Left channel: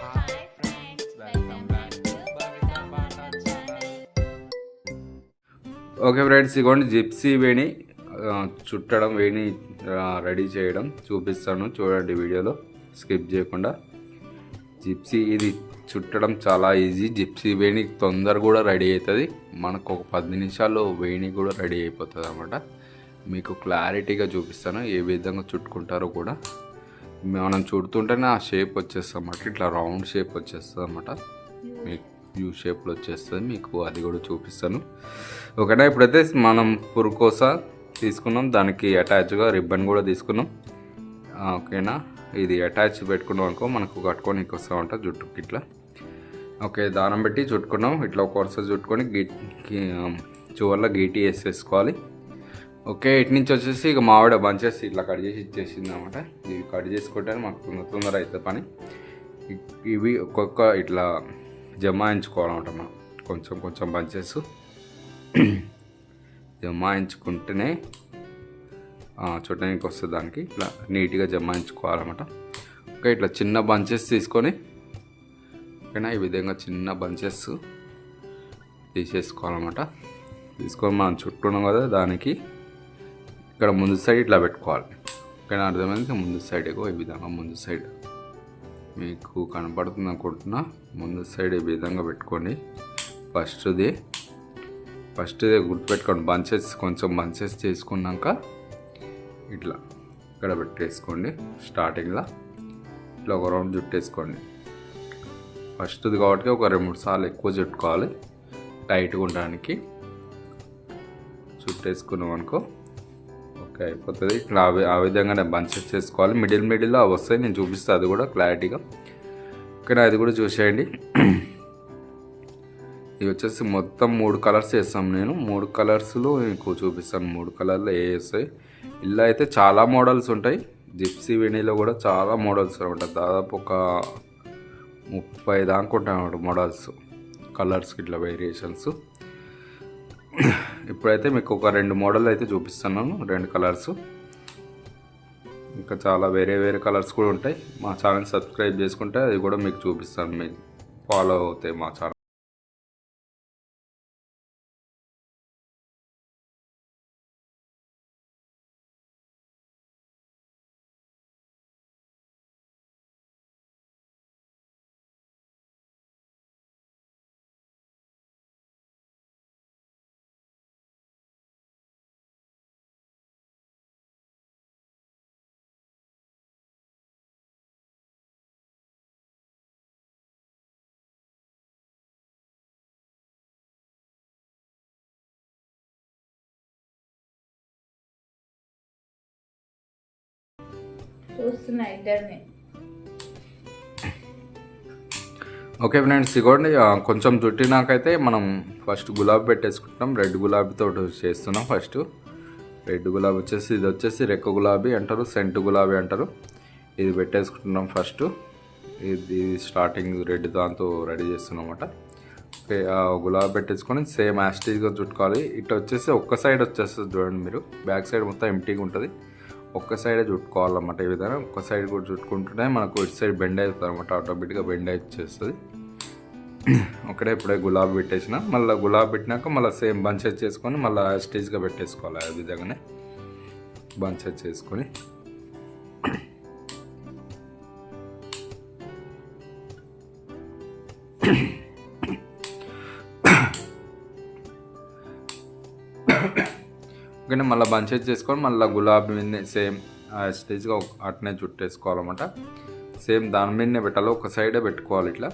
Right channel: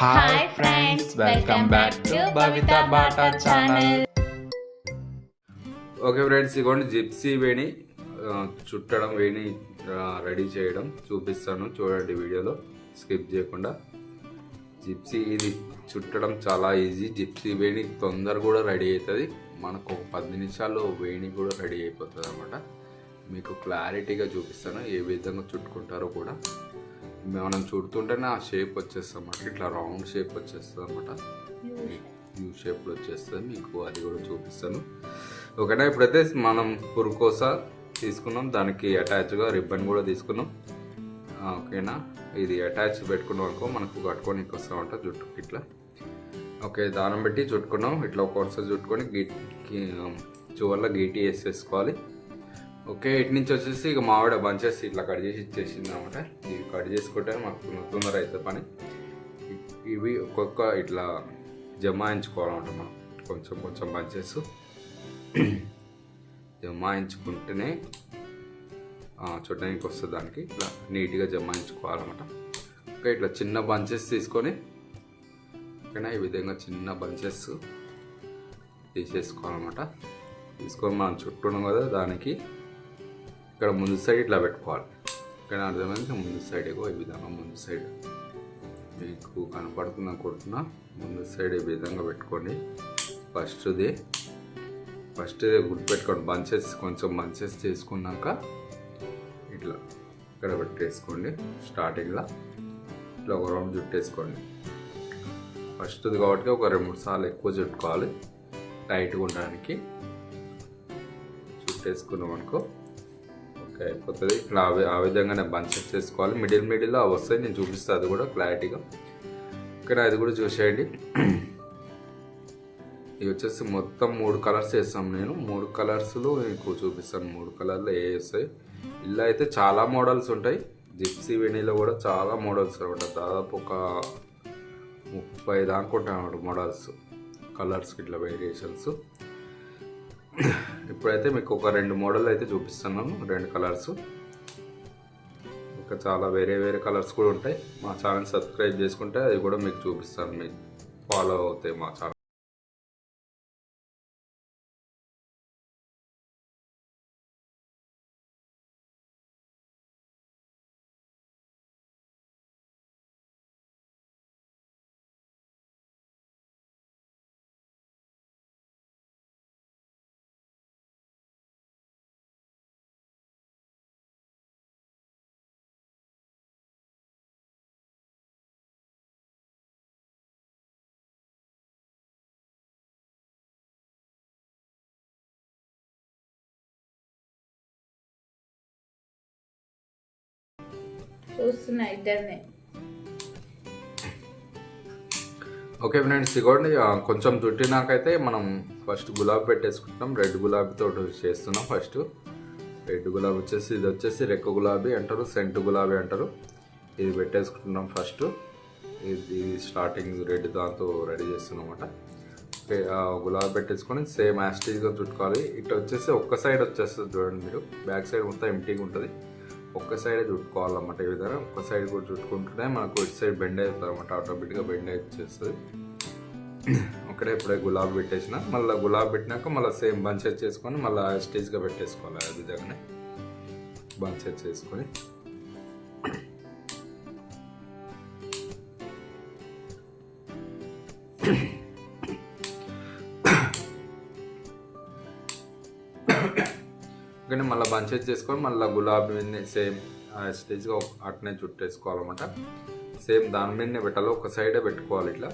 Hi friends welcome back to Bhavitha Bata channel okay friends ఇగోండి gypsy వేణి చుట్టడం వేణి రెడీ చేయడం చూపిస్తాను. చూడండి వీడియోలో స్కిప్ చేయకుండా. జిప్సీ ఇది చుట్టడం చాలా ఈజీ. జిప్సీ వేణి తొందర కూడా రెడీ అవుతుంది. మనకు ఒక పది నిమిషాల్లో వేణి కూడా రెడీ అయిపోతుంది అనమాట మీకు క్లారిటీగా చూపిస్తాను ఏ విధంగా చుట్టుకుంటారో కూడా. మనం చూడుతుంటేనే ఆ షేప్ వచ్చేస్తుంది అన్నమాట ఇట్లా రౌండ్ షేప్ వచ్చేస్తుంది అనమాట మీకు యూ షేప్లో వచ్చేస్తుంది. మీకు అది కూడా చూపిస్తాను. ఓకేనా? ఇప్పుడైతే మనం పురుకోస తీసుకున్నాం. దానికి అటాచ్గా రిబ్బన్ కూడా తీసుకున్నాం. ఓకేనా? ఇది అటాచ్ పెట్టుకున్నాం అనుకో మనకు కట్టుకొని వస్తూ ఉంటాం జుట్టుకి ఇట్లా. ఓకే దానం పెట్టి చుట్టుకున్నాం. ఇట్లా ఒక వరుస చుట్టుకొని గీ చివరిలో గీటీ వేసేసుకోవాలి. ఓకే ఇటు నుంచి వచ్చేసి ఇక మావిడ బంచెస్ ఇట్లా కట్ చేసి ఇచ్చేసింది అనమాట ఇది కట్ చేసుకుంటే మాకు తొందర అవుతుంది పని. ఇవి ఒక్కొక్క ఇట్లా జమాయించుకోవాలన్నమాట మనం కొంచెం కొంచెం బంచెస్ జమాయించుకుంటేనే చూడడానికి వస్తుంది దానికి. ఇట్లా నీట్గా జమాయించుకోవాలన్నమాట ఓకే ఇట్లా చిన్న బంచెస్ తీసుకొని ఓకేనా? ఈ విధంగా చిన్న బంచెస్ తీసేసుకోవాలన్నమాట తీసుకొని మనం చుట్టూ ఉన్నాం కదా దానికి ఇక్కడ ముందు సైడ్ ఇట్లా పెట్టుకోవాలి. ఇక్కడ అర్థమైంది ముందు సైడ్ ఏ ఈ విధంగా ముందు సైడ్ మీకు కనపడుతుంది కొడుతున్నా ముందు సైడ్ ఈ విధంగా పెట్టుకోండి. ఫస్ట్ది ఫస్ట్ది గుర్తుపెట్టుకోండి బంచెస్ కొంచెం బంచెస్ చేసుకున్నాక ఇట్లా ఇక్కడ పెట్టేసుకోండి స్టార్టింగ్లో ఇట్లా ఒక రౌండ్ జుట్టేసుకోండి ఫస్ట్ది కాబట్టి ఒక రెండు మూడు సార్లు ఎక్కువ చుట్టుకోవాలి. టైట్గా ఉండడానికి. చుట్టేసుకున్నాం అనుకో ఓకే అయిపోతుంది. ఇట్లా ఆ విధంగా నేను బంచెస్ చేసుకోవాలి. మిడిల్ మిడిల్లో అవి వస్తాయి. నేను చూపిస్తాను అది కూడా క్లారిటీగా. ఓకేనా అది కూడా చూసేయండి. ఇవి వచ్చేసి మొత్తం మూడు కలర్స్ వేస్తాం నేను. మూడు కలర్స్లో మీకు చూపిస్తాను. మూడు కలర్లో ఏ వస్తాయి. ఇలా అయితే చాలా మోడల్స్ ఉంటాయి. జిప్సీ వెనీలో కూడా చాలా మోడల్స్ ఉంటాయి. దాదాపు ఒక ముప్పై దాకా ఉంటాయి మోడల్స్. కలర్స్ ఇట్లా వేరియేషన్స్ ఇప్పుడైతే మీకు ఒక రెండు మోడల్ అయితే చూపిస్తున్నాను రెండు కలర్స్. ఇంకా చాలా వేరే వేరే కలర్స్ కూడా ఉంటాయి. మా ఛానల్ సబ్స్క్రైబ్ చేసుకుంటే అది కూడా మీకు చూపిస్తాను మీకు ఫాలో అవుతాయి మా ఛానల్. చూస్తున్నా ఇద్దరిని. ఓకే ఫ్రెండ్స్ ఇగోండి కొంచెం చుట్టినాకైతే మనం ఫస్ట్ గులాబీ పెట్టేసుకుంటాం. రెడ్ గులాబీతో చేస్తున్నాం ఫస్ట్. రెడ్ గులాబీ వచ్చేసి ఇది వచ్చేసి రెక్క గులాబీ అంటారు సెంట్ గులాబీ అంటారు. ఇది పెట్టేసుకుంటున్నాం ఫస్ట్. ఇది స్టార్టింగ్ రెడ్ దాంతో రెడీ చేస్తున్నాం అనమాట ఓకే గులాబీ పెట్టేసుకొని సేమ్ యాస్టేజ్గా చుట్టుకోవాలి. ఇటు వచ్చేసి ఒక్క సైడ్ వచ్చేస్తుంది చూడండి మీరు. బ్యాక్ సైడ్ మొత్తం ఎంటీగా ఉంటుంది. ఒక్క సైడే చుట్టుకోవాలన్నమాట ఈ విధంగా. ఒక్క సైడ్ కూడా చుట్టుకుంటుంటే మనకు ఇటు సైడ్ బెండ్ అవుతుంది అనమాట ఆటోమేటిక్గా బెండ్ వచ్చేస్తుంది ఒకటే ఇప్పుడే గులాబీ పెట్టేసిన మళ్ళీ గులాబీ పెట్టినాక మళ్ళీ సేమ్ బంచెస్ చేసుకొని మళ్ళీ స్టేజ్గా పెట్టేసుకోవాలి ఆ విధంగానే. బంచెస్ చేసుకొని. ఓకే మళ్ళీ బంచెస్ చేసుకొని మళ్ళీ గులాబీ మీద సేమ్ స్టేజ్గా అట్నే చుట్టేసుకోవాలన్నమాట. సేమ్ దాని మీదనే పెట్టాలి ఒక సైడే పెట్టుకోవాలి ఇట్లా.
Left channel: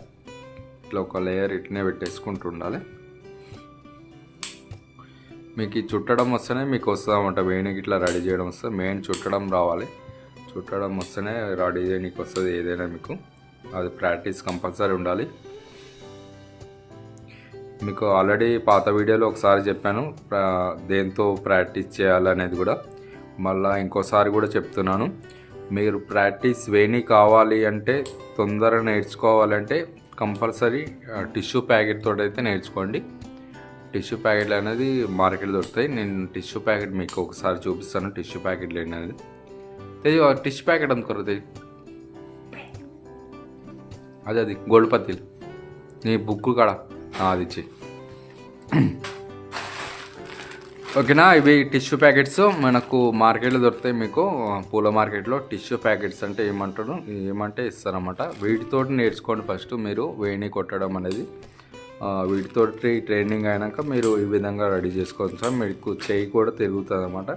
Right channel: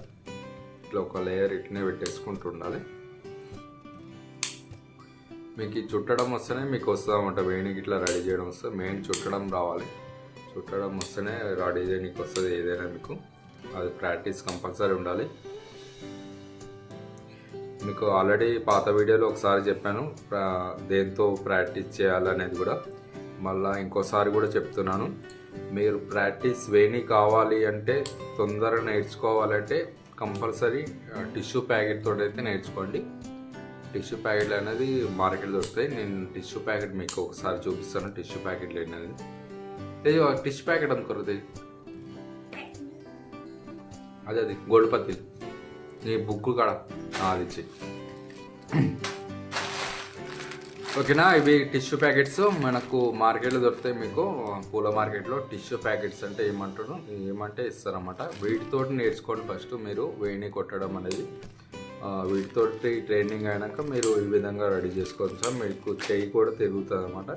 ఇట్లా ఒక లేయర్ ఇట్లనే పెట్టేసుకుంటూ ఉండాలి. మీకు ఈ చుట్టడం వస్తేనే మీకు వస్తుందన్నమాట వేణికి ఇట్లా రెడీ చేయడం వస్తుంది మెయిన్ చుట్టడం రావాలి. చుట్టడం వస్తేనే రెడీ చేయడానికి వస్తుంది ఏదైనా మీకు. అది ప్రాక్టీస్ కంపల్సరీ ఉండాలి. మీకు ఆల్రెడీ పాత వీడియోలో ఒకసారి చెప్పాను దేంతో ప్రాక్టీస్ చేయాలనేది కూడా. మళ్ళీ ఇంకోసారి కూడా చెప్తున్నాను. మీరు ప్రాక్టీస్ వేణి కావాలి అంటే తొందరగా నేర్చుకోవాలంటే కంపల్సరీ టిష్యూ ప్యాకెట్ తోటి అయితే నేర్చుకోండి. టిష్యూ ప్యాకెట్లు అనేది మార్కెట్ దొరుకుతాయి. నేను టిష్యూ ప్యాకెట్ మీకు ఒకసారి చూపిస్తాను టిష్యూ ప్యాకెట్లు అనేది. టిష్యూ ప్యాకెట్ అనుకోరు తెయ్యి అదే అది గోల్డ్ పత్తిలు నీ బుక్ కాడ. అది చెయ్యి ఓకేనా? ఇవి టిష్యూ ప్యాకెట్స్. మనకు మార్కెట్లో దొరుకుతాయి మీకు. పూల మార్కెట్లో టిష్యూ ప్యాకెట్స్ అంటే ఏమంటారు? ఏమంటే ఇస్తారన్నమాట. వీటితోటి నేర్చుకోండి ఫస్ట్. మీరు వేణి కొట్టడం అనేది వీటితో వీటితోటి ట్రైనింగ్ అయినాక మీరు ఈ విధంగా రెడీ చేసుకోవచ్చు. సార్ మీకు చెయ్యి కూడా తిరుగుతుంది అనమాట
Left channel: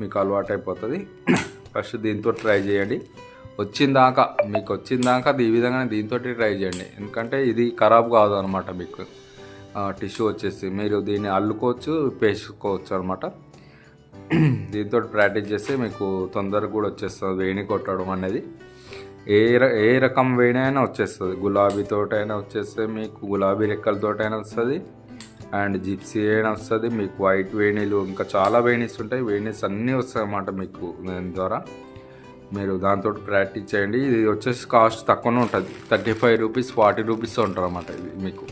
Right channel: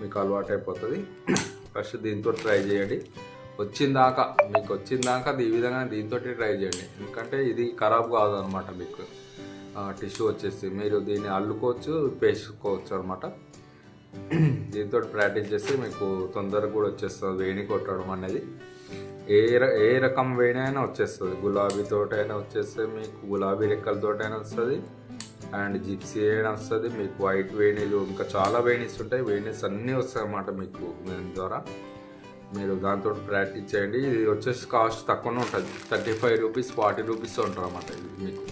మీకు అలవాటు అయిపోతుంది ఫస్ట్ దీంతో ట్రై చేయండి. వచ్చిందాక మీకు వచ్చిందాకా ఈ విధంగా దీంతో ట్రై చేయండి. ఎందుకంటే ఇది ఖరాబ్ కాదు అనమాట మీకు. టిష్యూ వచ్చేసి మీరు దీన్ని అల్లుకోవచ్చు పేసుకోవచ్చు అనమాట దీంతో ప్రాక్టీస్ చేస్తే మీకు తొందరగా కూడా వచ్చేస్తుంది వేణి కొట్టడం అనేది. ఏ ర- ఏ రకం వేణి అయినా వచ్చేస్తుంది. గులాబీతో అయినా వచ్చేస్తుంది మీకు గులాబీ రెక్కలతోటైనా వస్తుంది. అండ్ జిప్సీ అయినా వస్తుంది. మీకు వైట్ వేణీలు ఇంకా చాలా వేణీస్ ఉంటాయి. వేణీస్ అన్నీ వస్తాయి అన్నమాట మీకు దాని ద్వారా. మీరు దాంతో ప్రాక్టీస్ చేయండి. ఇది వచ్చేసి కాస్ట్ తక్కువనే ఉంటుంది. Thirty five rupees forty rupees ఉంటుంది అన్నమాట ఇది మీకు.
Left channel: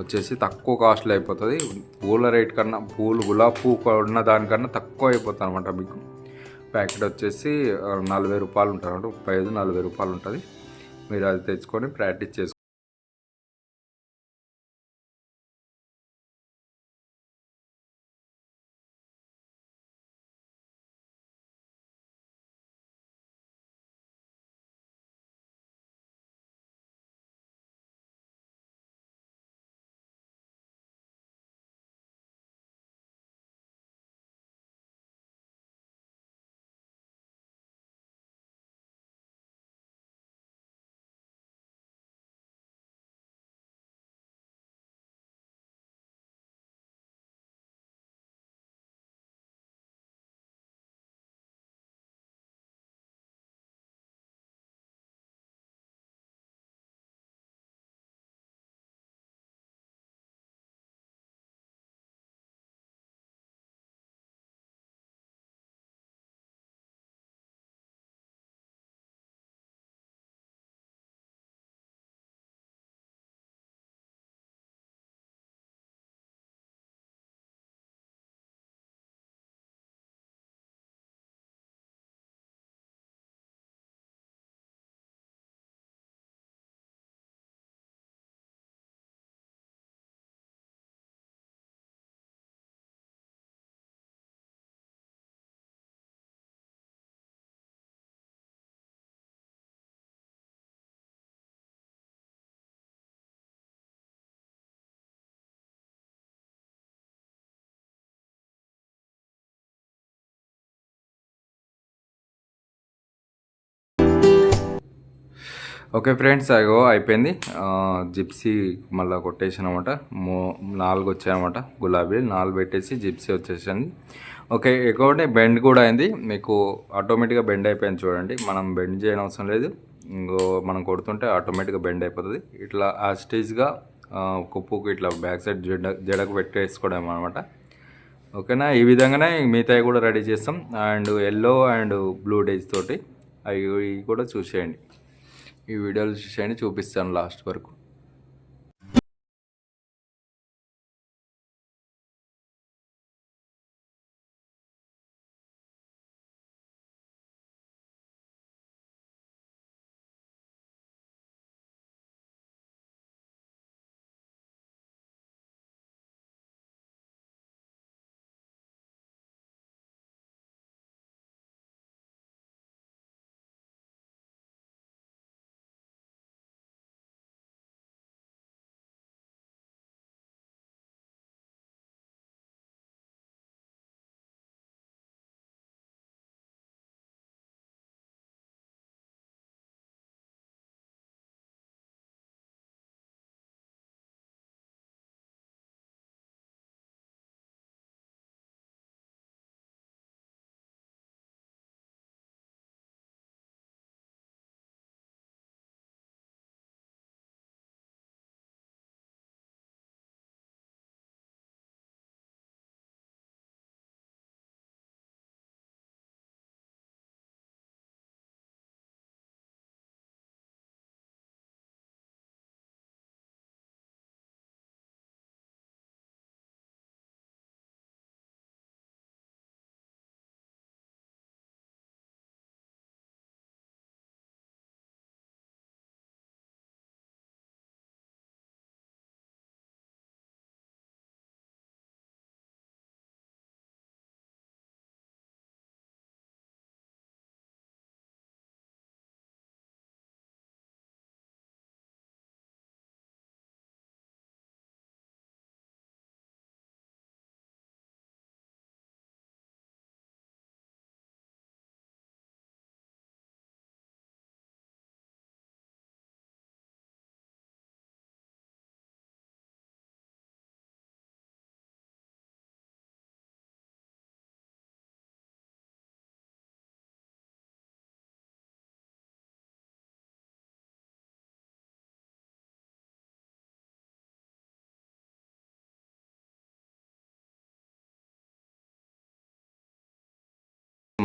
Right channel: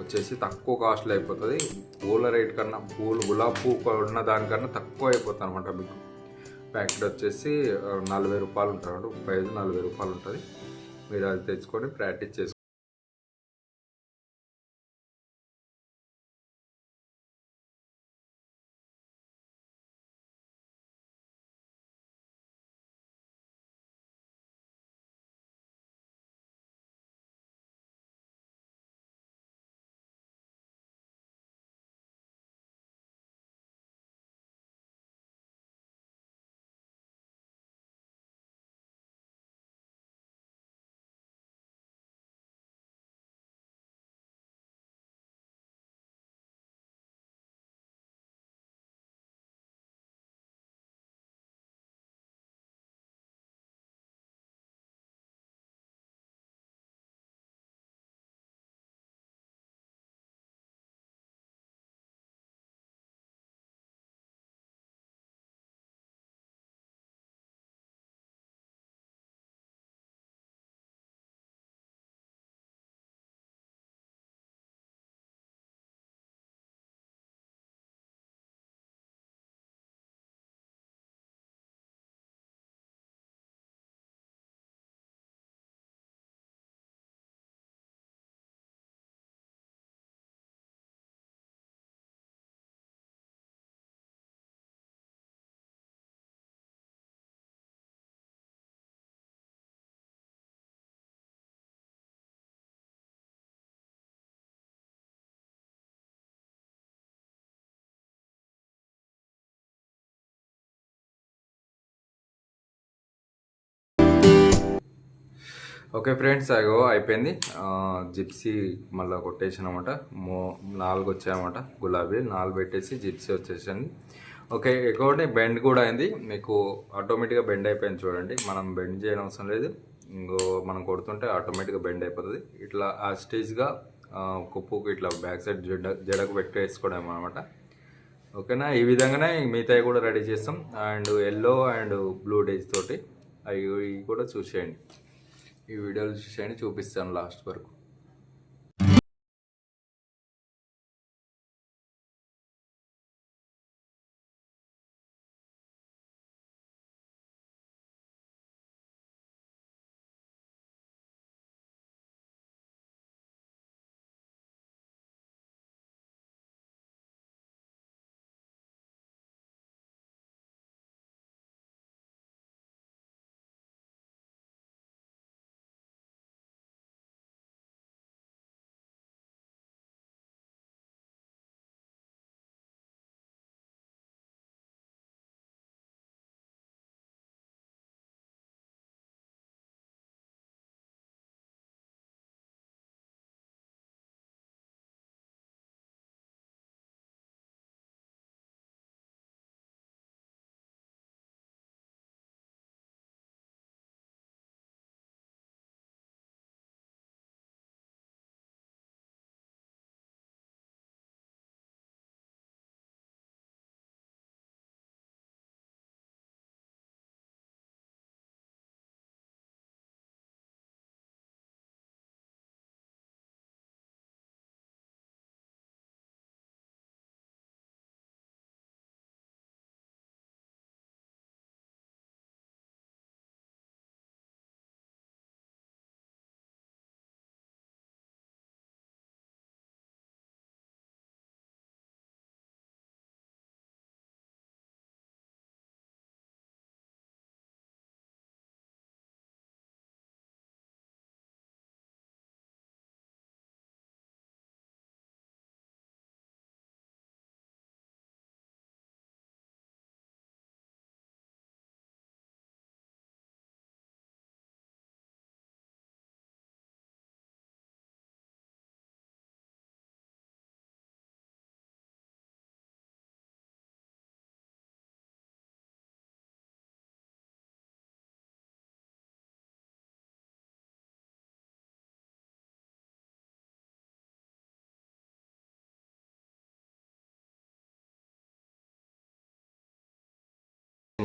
వచ్చేసి తక్కువ కాస్ట్లో అయిపోతుంది. పూల రేట్ కన్నా పూలు గులాబీ పువ్వు ఉన్న దానికన్నా తక్కువ అయిపోతుంది అనమాట మీకు. ప్యాకెట్ వచ్చేసి నలభై రూపాయలు ఉంటుంది అనమాట ముప్పై ఐదు నలభై రూపాయలు ఉంటుంది. మీరు అది తెచ్చుకొని ప్రాక్టీస్ చేసుకోండి ఓకే ఫ్రెండ్స్ అగో అయిపోయింది. జిప్సీ మళ్ళీ కొట్టేసానమాట. అనమాట మూ నాలుగు వచ్చాయనమాట గులాబీ నాలుగు పెట్టేసి జిప్సీ వచ్చేసింది. ఓకే ఎక్కువ బెండ్ కూడా అయింది. మీకు ఆటోమేటిక్గా బెండ్ అయిపోయింది చూడండి. మనం బెండ్ చేయడం అవసరం లేదు. ఇంకో మనం కొడుతుంటే ఆటోమేటిక్గా బెండ్ అయిపోతుంది. ఇట్లా ఆ స్టేజ్గా కుప్పుకు ఇట్లా బ్యాక్ సైడ్ జడ జడకు పెట్టేసుకోవడం అనమాట ఓకేనా? ఈ విధంగానే మిగతాయి కూడా రెడీ చేస్తాం. And yellow and blue dyes తోటి అవి కూడా చూసేయండి. ఈ వీడియోలు చూసేయండి చూపిస్తాను లాస్ట్ వరకు.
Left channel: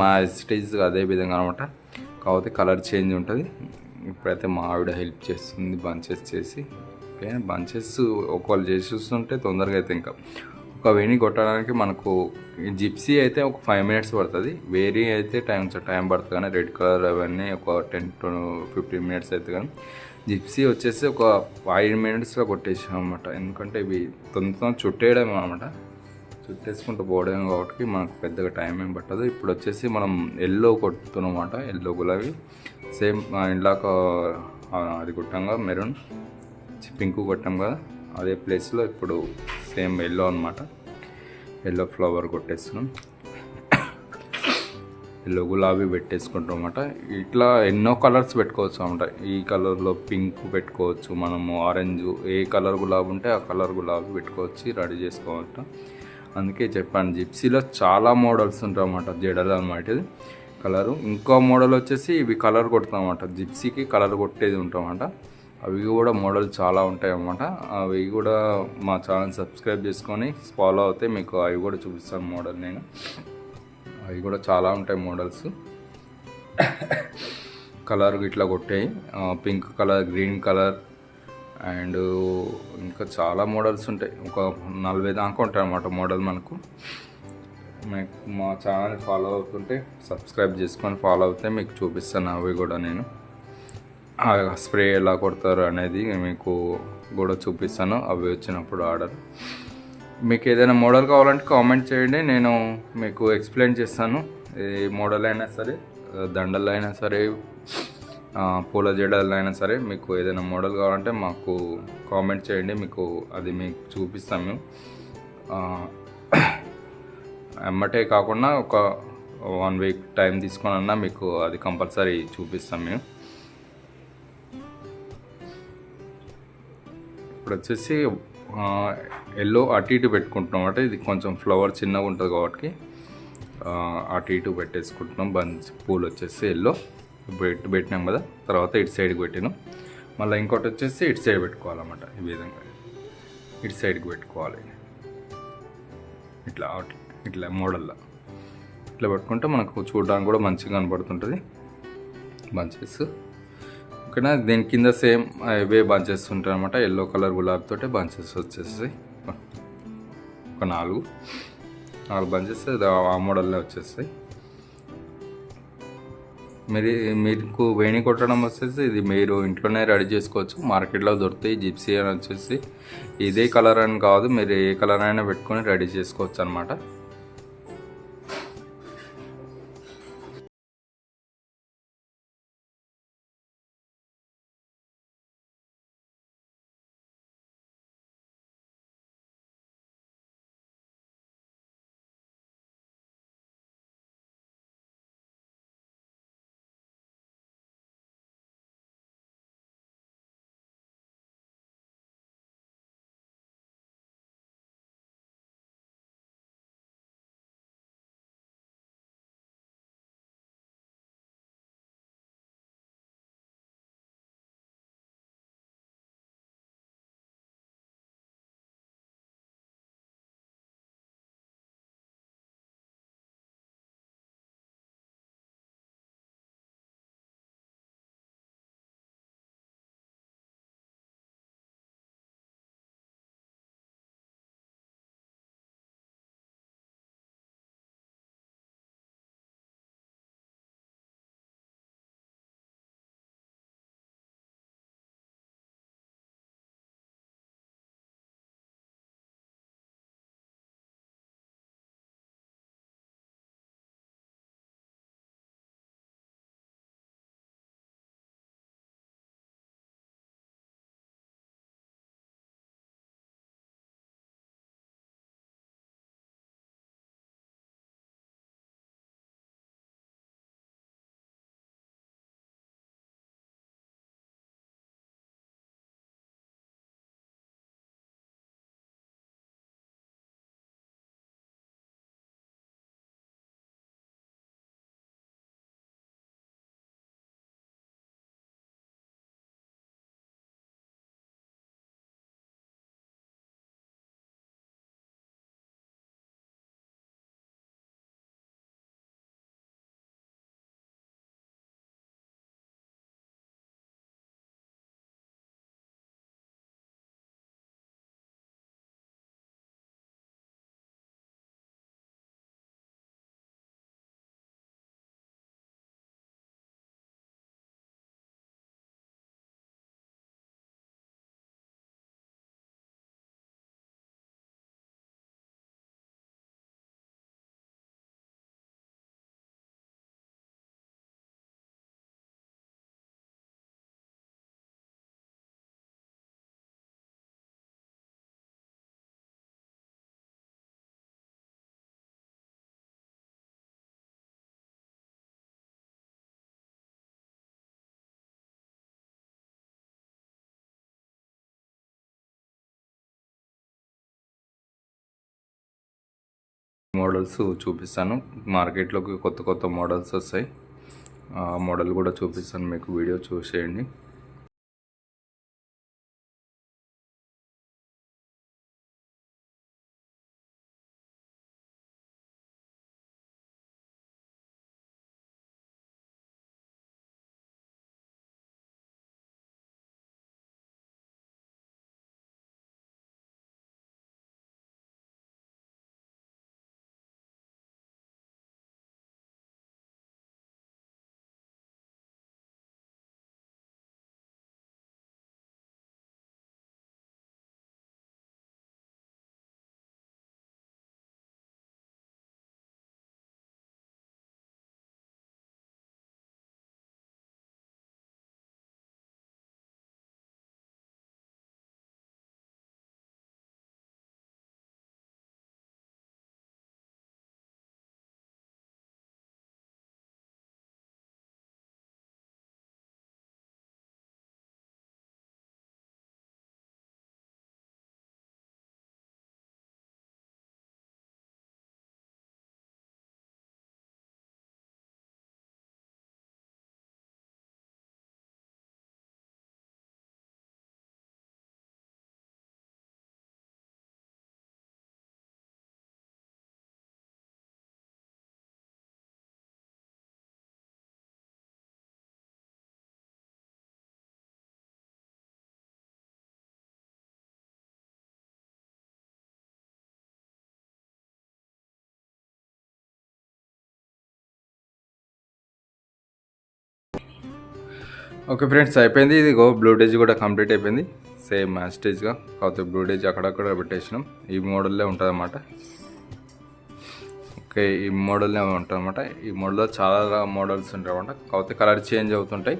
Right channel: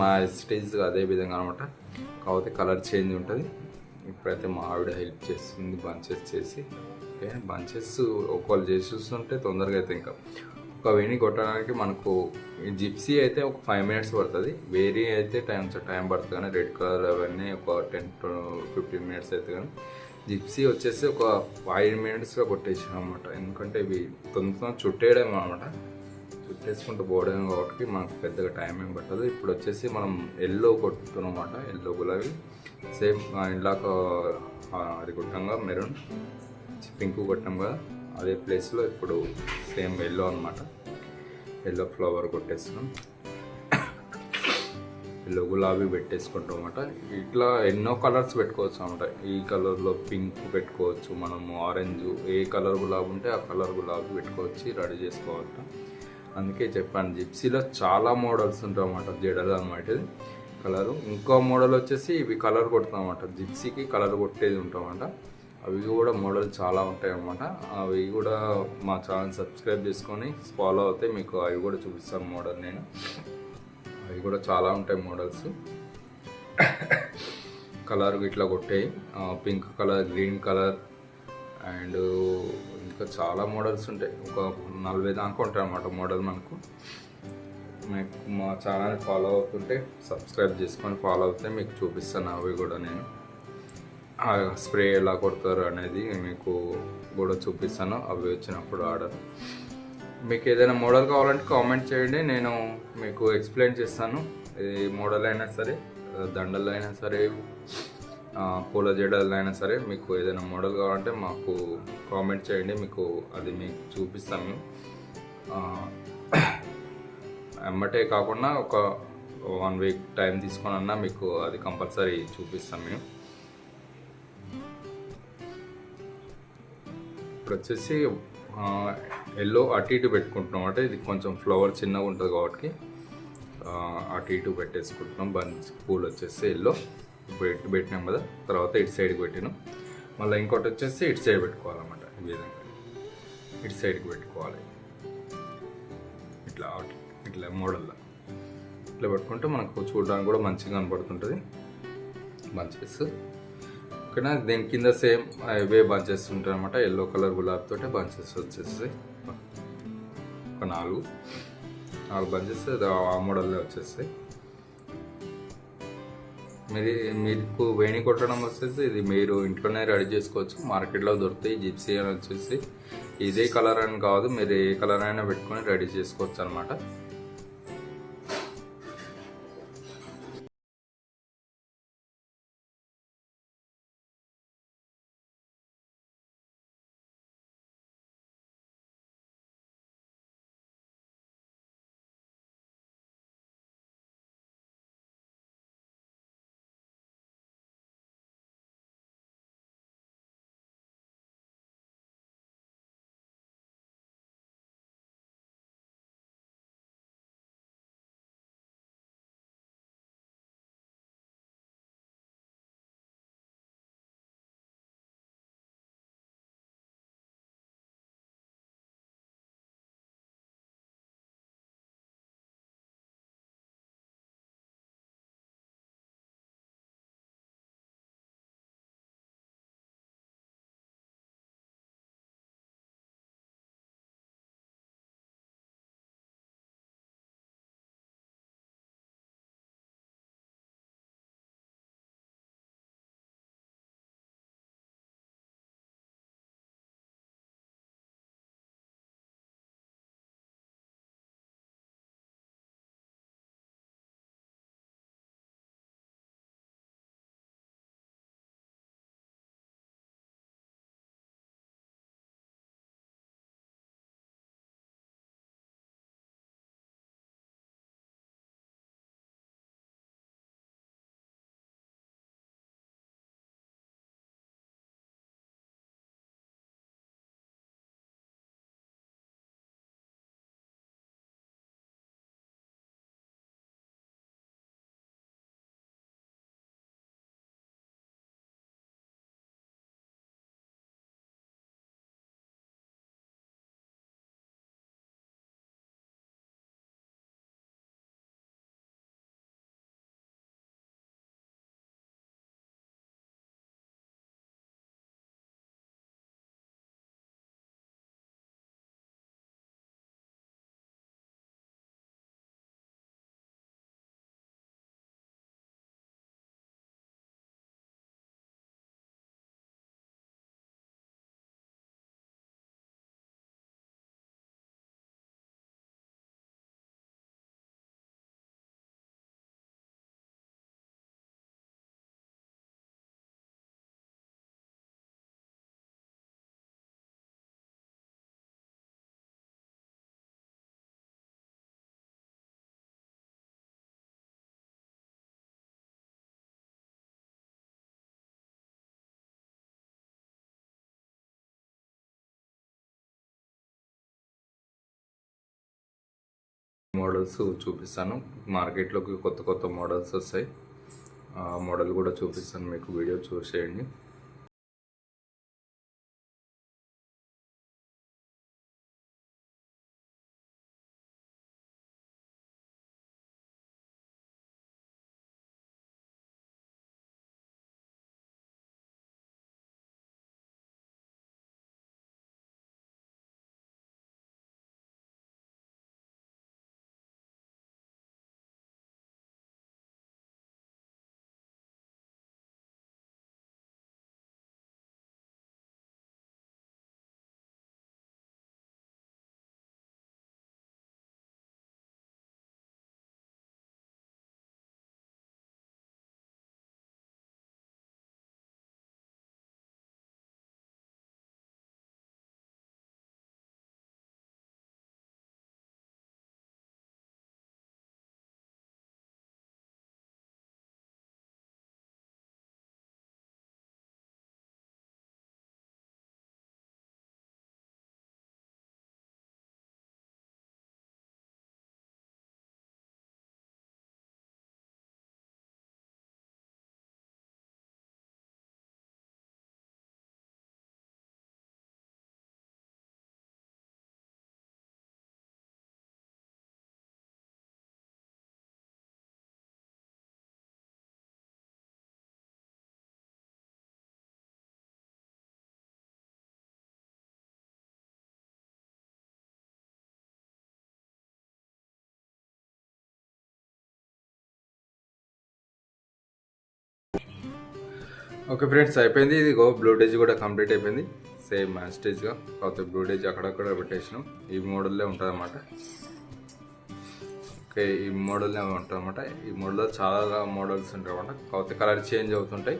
మా స్టేజ్ అదే విధంగా అనమాట కాకపోతే కలర్ చేంజ్ ఉంటుంది. ఇప్పుడైతే మా ఆవిడ హెల్ప్ చేస్తుంది బంచెస్ చేసి. ఓకే బంచెస్ ఒకవేళ చేసి చూస్తుంటే తొందరగా అయితే ఇంకా. ఒక వేణి కొట్టడానికి మనకు జిప్సీ అయితే ఒక ఫైవ్ మినిట్స్ పడుతుంది. వేరీ అయితే టైం టైం పడుతుంది కానీ రెడ్ కలర్ అవన్నీ ఒక టెన్ టు ఫిఫ్టీన్ మినిట్స్ అయితే కానీ. జిప్సీ వచ్చేసి ఒక ఫైవ్ మినిట్స్లో కొట్టేసాం అనమాట ఎందుకంటే ఇవి తొందర చుట్టేయడం అనమాట చుట్టేసుకుంటూ పోవడం కాబట్టి మనకు పెద్దగా టైం ఏం పట్టదు. ఇప్పుడు వచ్చేసి మనం ఎల్లో కొట్టుతున్నమాట ఎల్లో గులాబీ. సేమ్ ఇందాక అది కొట్టంగా మెరూన్. పింక్ కొట్టాం కదా. అదే ప్లేస్లో ఇప్పుడు సేమ్ ఎల్లో అనమాట ఎల్లో ఫ్లవర్ కొట్టేస్తున్నాం. ఎల్లో గులాబీ పెట్టేసుకుంటాం అనమాట ఇట్లా ఎన్నో కలర్స్ పెట్టుకోవచ్చు అనమాట ఈ కలర్లో పింక్ పెట్టుకోవచ్చు మనము ఆరెంజ్ ఏ కలర్ గులాబీ ఉంటే ఆ కలర్ గులాబీ పెట్టుకోవచ్చు రెడీ చేసుకోవచ్చు. అందుకే చెప్పాను జిప్సీలో చాలా మోడల్స్ ఉంటాయి అన్నమాట జడలు అనమాట ఇది కలరు. ఇంకో మోడల్ వచ్చేసి ఇవి కలర్ కొడతామన్నమాట జిప్సీకి కలర్ కొట్టేది ఉంటామన్నమాట. అవి కూడా మోడల్ చాలా ఉంటాయన్నమాట. అవి కూడా మా ఛానల్ సబ్స్క్రైబ్ చేసుకొని ఫాలో అవుతే మీకు అవి కూడా చూపిస్తాను మోడల్ నేను. అవి కూడా చాలా ఉంటాయి మోడల్స్. కలర్ ఇట్లా కొట్టాయి. Pink colour green colour and ఇంకా చాలా మోడల్స్ ఉంటాయి. ఒక నలభై దాకా ఉంటాయి అన్నమాట మోడల్ మనకు. మీకు మా ఛానల్ ఫాలో అవుతుంటే సబ్స్క్రైబ్ చేసుకొని ఫాలో అవుతే మీకు చూపిస్తాను అవి కూడా నేను. స్ప్రే ఎలా కొడతారు అనేది మీకు కూడా చూపిస్తాను. అవి వచ్చినప్పుడు ఆర్డర్. మీకు ఏదైనా మోడల్ కావాలంటే కామెంట్ చేయండి. నేను మీకు ఎక్స్ప్లెయిన్ చేస్తాను. ఏ మోడల్ అయినా సరే దండలు అయినా సరే పూల జడలు అయినా సరే మీకు ఏదైనా మోడల్ కావాలంటే మాకు కామెంట్ చేయండి మీకు అది మీకు చూపిస్తాము ఆ, ఎమ్మటే కాకుండా ఒక వన్ వీక్ టైం తీసుకొని అన్నా మీకు అది కంపల్సరీ చూపిస్తాం మేము. ఇప్పుడు వచ్చేసి ఎల్లో అటు ఇటు పెట్టుకుంటున్నాం అంటే ఇది కొంచెం ఫ్లవర్ చిన్నగా ఉంటుంది కాబట్టి అటు ఇటు పెట్టేసుకుంటున్నాం. బంచ్ పూలు వచ్చేసి ఎల్లో. ఇటు పెట్టినాం కదా తర్వాత ఇటు సైడ్కి పెట్టినాం. మళ్ళీ ఇంకోటి వచ్చేసి ఇటు సైడ్ పెట్టుకోవాలన్నమాట ఈ విధంగా. ఇటు సైడ్కి పెట్టుకోవాలి. ఇట్లా ఇట్లా మోడల్లో. ఇట్లా పెట్టుకుంటే మనకు చూడడానికి కూడా మంచిగా కనపడుతుంటుంది. బంచెస్. ఓకేనా? దీని కింద సేమ్ ఇవే బంచెస్ ఉంటాయి అనమాట ఎల్లో కలర్ గులాబీ బంచెస్ వచ్చేస్తాయి. ఒక నాలుగు. నాలుగు బంచెస్ ఆ మోడల్లో వచ్చేస్తాయి. మీరు మీకు వేణి కొట్టడం వచ్చేసి ఇది మీరు ఇంట్లోనే రెడీ చేసుకోవచ్చు. మార్కెట్లో దొరుకుతాయి జిప్సీ అని వచ్చేసి. ఇదే కలర్ అని కాదు మీరు ఏ కలర్ అయినా పెట్టుకొని రెడీ చేసుకోవచ్చు అనమాట మోడల్స్ చూపిస్తాను. మార్కెట్లోకి కొత్త కొత్త మోడల్స్ వస్తాయి. మోడల్ కూడా చూపిస్తాను. మీకు వీడియో చూసేయండి. ఓకే ఫ్రెండ్స్ అయిపోయింది. ఇది గో బ్లూటేజ్ కూడా కంప్లీట్ అయిపోయింది. సేమ్ మ్యాస్టేజ్గా కాకపోతే బ్లూటేజ్ అక్కడక్కడ పెట్టేసినాం. ఈ మోడల్లో ఉంటుంది అన్నమాట ఓకే ఈ మోడల్నే ఉంటుంది అనమాట ఈ మోడల్లో చాలా మోడల్స్ ఉంటాయి అనమాట కాకపోతే కలర్ చేంజ్ అవుతుంటాయి.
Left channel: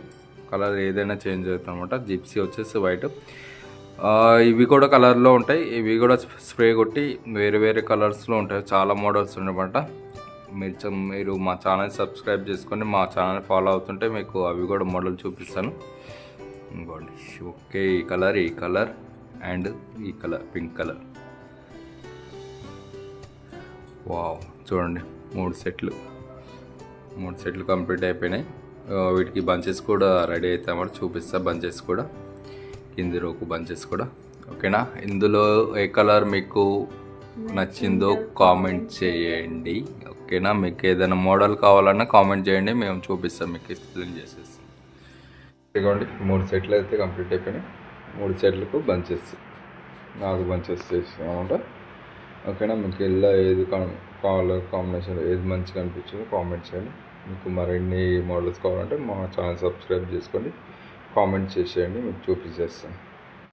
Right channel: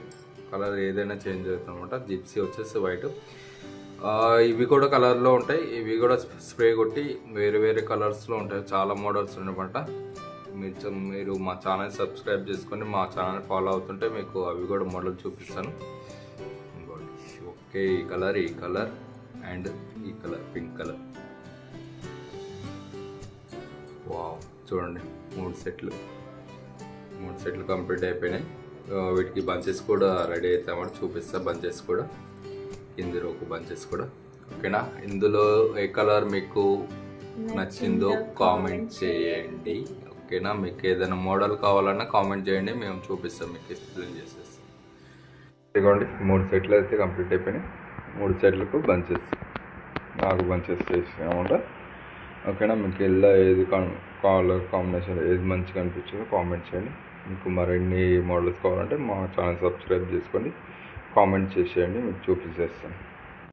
కలర్ ఏదైనా చేంజ్ అవుతుంది అనమాట జిప్సీ వచ్చేసి వైట్ ఇవి కూడా కలర్లో ఉంటాయి. ఇవి కూడా స్ప్రే కొట్టి వేరే వేరే కలర్స్లో ఉంటాయి. చాలా మోడల్స్ ఉన్నాయన్నమాట. మీరు మీరు మా ఛానల్ సబ్స్క్రైబ్ చేసుకొని మా ఛానల్ ఫాలో అవుతుంటే మీకు అవి కూడా మోడల్ చూపిస్తాను. ఓకే ఈ కలర్ ఈ కలర్ అండ్ ఈ కలర్ పింక్ కలర్. వావ్ చూడండి. మూడు సెట్లు. మూడు సెట్లు కంప్లీట్ అయిపోయినాయి. వీటికి బంచెస్ కూడా రెడీ అవుతామని చూపిస్తా బంచెస్ కూడా. కింది రోకు బంచెస్ కూడా. ఓకేనా? ఇందులో ఏ కలర్ మీకు నచ్చిందో కామెంట్ చేయండి. ఓకేనా? మీకు ఏదైనా మోడల్ కావాలన్నా కామెంట్ చేయండి మేము చూపిస్తాం మీకు ఎక్స్ప్లెయిన్ చేసేస్తాం ఇదిగోండి మూడు సెట్లు అయితే కంప్లీట్ అయిపోయినాయి. మూడు సెట్లకు బంచెస్. నాలుగు బంచెస్ చేసినామంట ఓకేనా? మీకు ఎలా ఏది కావాలో కాంబినేషన్ ఏది మంచిగా అనిపించిందో కామెంట్ చేయండి. మీకు మరిన్ని మోడల్స్ కావాలంటే మా ఛానల్ సబ్స్క్రైబ్ చేసుకోండి. కామెంట్ చేసేయండి మీకు చూపించేస్తాను